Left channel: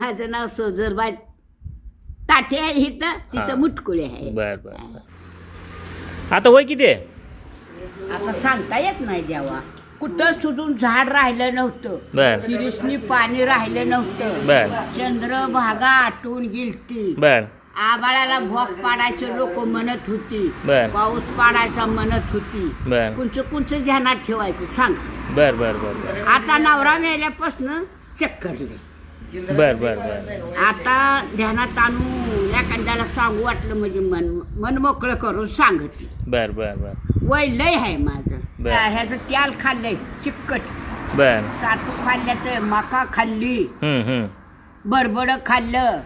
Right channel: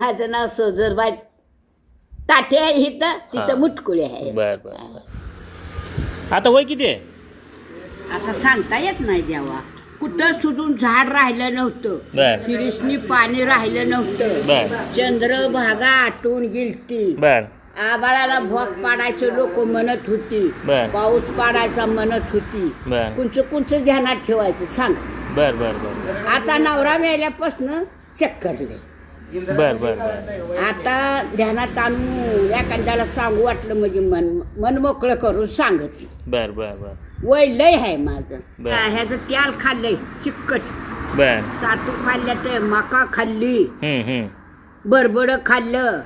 माझं नाव सोजरबाई ताटे आहे इथं, तिथं मुटकुळे आहे. बर बर बर. आता वय किती आहे? आता सांगता येत नाही देवा. कुठं सुधून झाड राहिलं नव्हतं, बर फिरिसनी पाणी राहिलं नव्हतं, बर चंद्रभागा आटून गेलती, बर आबाळाला भोग पाडायचं लोक म्हणत होती, बर पाऊस पाडायचा म्हणत होती. बर कुंच ध्यानात ठेवायचं सांगा. बर बर बर आता नवरा मेल्यापासून चक्करले. बर बर बर आता ध्यानात आणून एखाद्याला सांगू वाटलं म्हणजे मन मोकळं करून सांगत. बर बर बर वय लय आहे माझं. बर. ह्याचं त्याल खाल्लंय चिकट, बर सातू खाल्ल्या तर मका खाल्ली, हम्म. बरबड खाल्लं,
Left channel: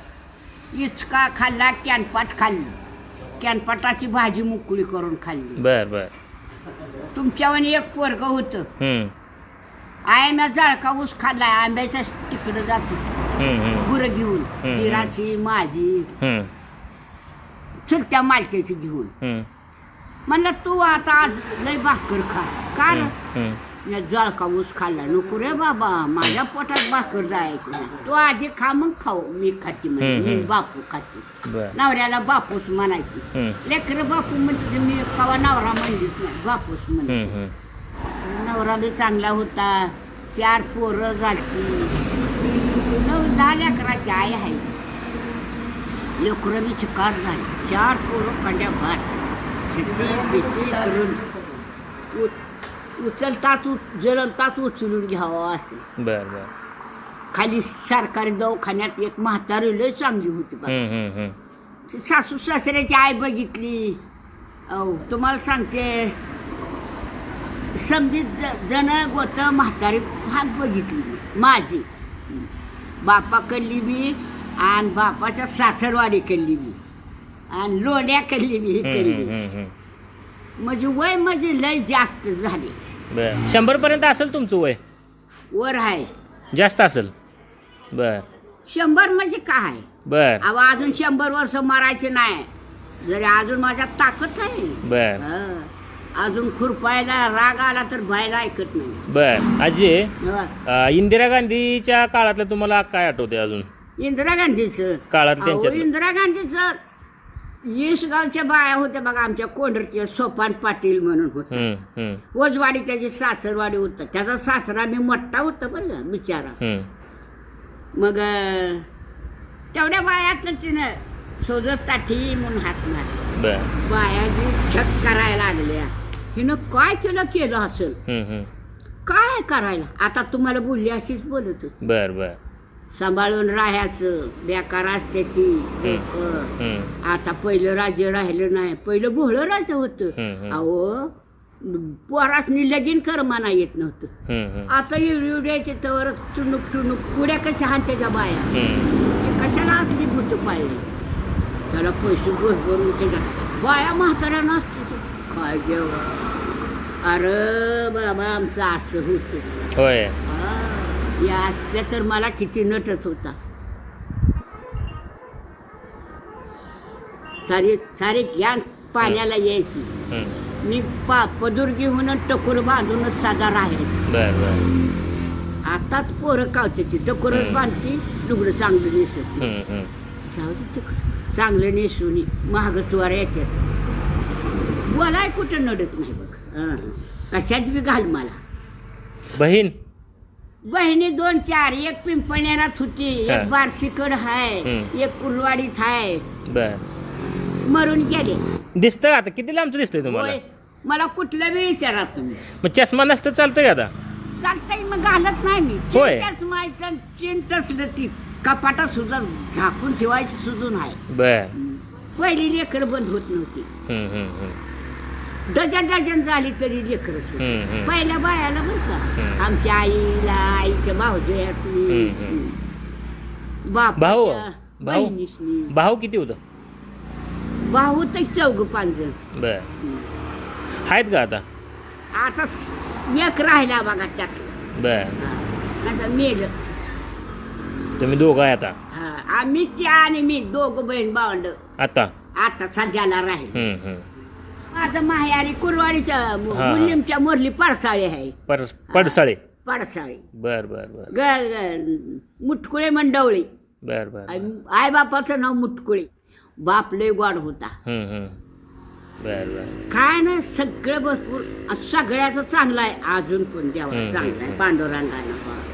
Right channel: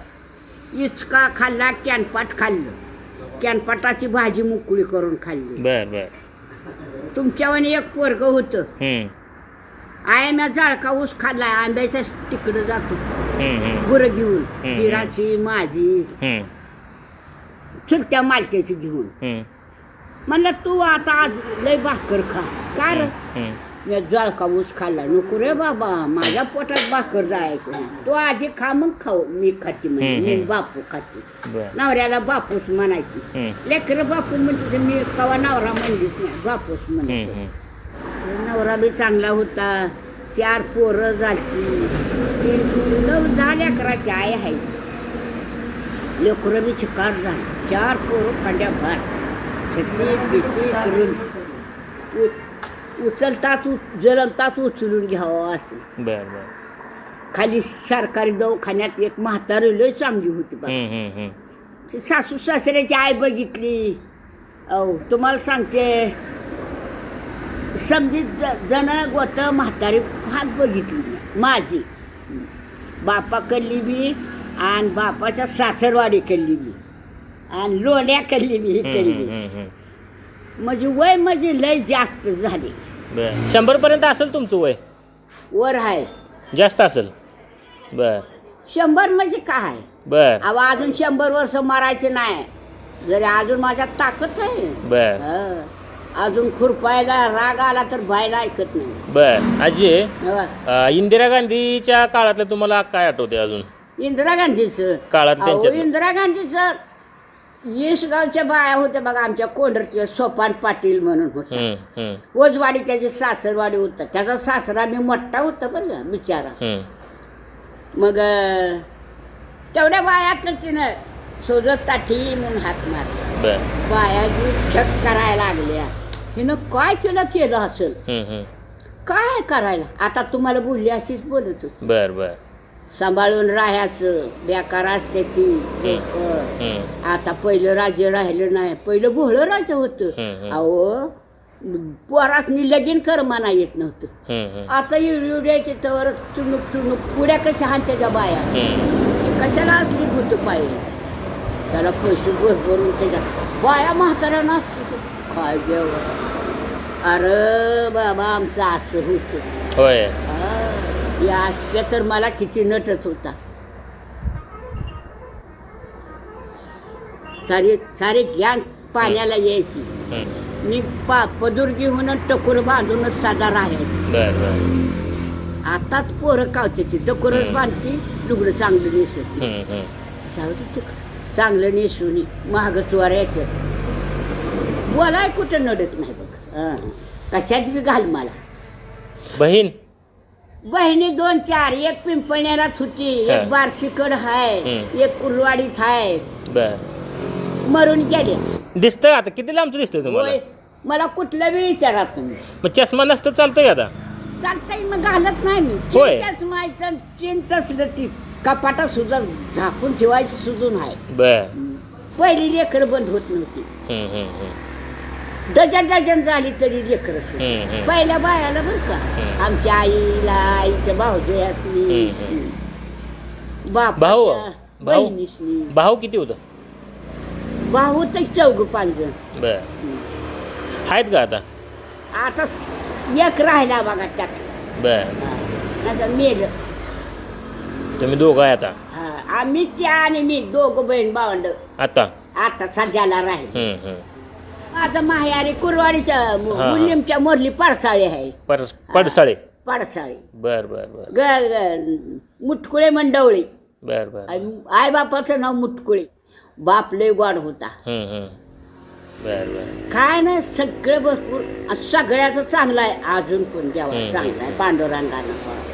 इचका खाल्ला, कॅनपाट खाल्लं, कॅनपाटाची भाजी मुकळी करून खाल्ली. बर बर तुमच्यावर एक पोरग होतं, हम्म. आयम्या जाळका ऊस खाल्लाय, आंब्याच्या तिकडं जात होत गुरं घेऊन, दिराची माझी हम्म. चुलत्या मालक्याची घेऊन. हम्म. म्हणलं तू आता आज लय भाकर खा. का र हम्म. या जळका ऊस खाल्ला. नको रे बाबा, माझ्या पोटात भाकर जायचं नाही. तू आधी खा मग खाऊ. मी खाते म्हणजे मी बापू खाते. बर नवऱ्याला बापूस म्हणायची. हम्म. लेकर बापू म्हणते, मी कवा नवरा म्हणलीच नाही, बापूस म्हणते. हम्म. नवरा बी चांगला होता, 4 पोरं झाली, 9-10 लेकराची आई आहे. लेकरं बी चिकार झाली, 4 पोरं कंड्या भात छत्तीस करून उचलताच जलमताच उचलून घ्यावं असं. बर बर खाली सरकारी दवाखान्यात एक म्हातारी लय चांगली होती बा. ती सासू सासऱ्याची आई बघितली. अहो तुम्हाला सांगते, समजीत जण गोट म्हातारी भाग बघितली माझी. बापाकडली बी आणि बापाच्या सासरवाडीकडली बी आणि लोण्याकडली बी इकडली. म्हणजे वय म्हणजे लय जास्त झाले. बर 100 पर्यंत असेल तुमचं वय? वर आहे जास्त असेल. बर 100 म्हणजे काय. बर अहो अजून 100 वर्ष मरायचे नाही, जरी अजून माझ्यात ताकद आहे. बर हं. अजून खुरपायला राग आला तर बायला ऐकत नाही. बर आजी, हं. इंदिरा गांधीच्या काळातलं तुम्हाला काय आठवते अजून? इंदिरा गांधीचं काळात अहो, त्यांच्यात इंदिरा गांधीचं 20 गावच्या बाया होत्या बघा. आमच्या कोंढरचे सोपान पाटील म्हणून होते. ओजवाडी त्याची सासरवाडी होता. त्याचा सासरा मी मोठा होता बरं बिचारा. मग तेवढ्या बायात तिनं सोजत ताठी म्हणून हात मारला. बायाची छक करायला लागल्या. हिनं काय केलं असेल, काय करायला. आता तुम्हाला बोलली अशीच बोलत होती. बर बर सांभाळून राहायचं, बेकार असते ती लोकं. आता पहिलं राज्य राहिलं नाही, पहिलं भोळं राज्य होतं. अहो पोरासनी लगीन कर म्हणा येत नव्हतं. आता एवढ्याचे तर चुणूक पुड्या कशा हान त्याच्या बाया. कशाला असली भूत पाहिजे, त्याला पैसे भरून त्याच्या बाया म्हाताऱ्या नसतो काय जेव्हा. अरे बाबा आमचं असं होतं. होय. या असल्या तर मला किती नटत होता. सारे गॅंग पाण्याला यायची. मी पदुर्गी म्हणून टकोर बांधूनच साधा राहायचं. आताच पोरं कावते ती टकोरच बांधती, दुगडं चांगली नेसत. चांगलं नेसून महाग चोर याच्यात बोलाय कुठं नडत नाही बघ. कशात बी घाल मला. बहिणी 2-4, एक पिंपळण्यात होती, एक बारशीकड हाय, एक उलवाडीत हाय. मरून गेले. दिसतंय आता किती लांबचं दिसतंय तुम्हाला? मला कुठलं बी विचारा तुम्ही. मग चष्मा नसतं चालतंय आता? चालतंय मग घालत नाही मी. माहिती चिंत असलं ती कपाटा सुद्धा झाकून ठेवायची सुजून आहे. बर पहिली लेकर बंद होत नव्हती. डझन झाली तरी लेकर. पहिल्या बायाला बरं का, आमच्या आईला, आईच्या भाऊजयातली, बहिणीसनी. भाऊ किती होतं? भाऊ तर 4-5 जण. बर आहेत का आता? आता एक राहिला बघा त्यात. बर आता मेल. तुम्ही दोघं आहे आता? आम्ही त्या आणि मी दोघं बहीण भावंड आता सध्याला राहील. माझा माहेरी कुरवाडीच्या मुलीमच्या मोरली पडसाळे आहे. पडसाळे. पडसाळे. बर बर बर मुटकुळे मंडवळी. बर बर आई बापाचं नाव मुटकुळे. बाप लय गोड होता. बर बर काय नाही सगळं भरपूर सगळ्याचं चांगलं आहे. अजून पण देवा चांगलं आहे पांडुरंगानं.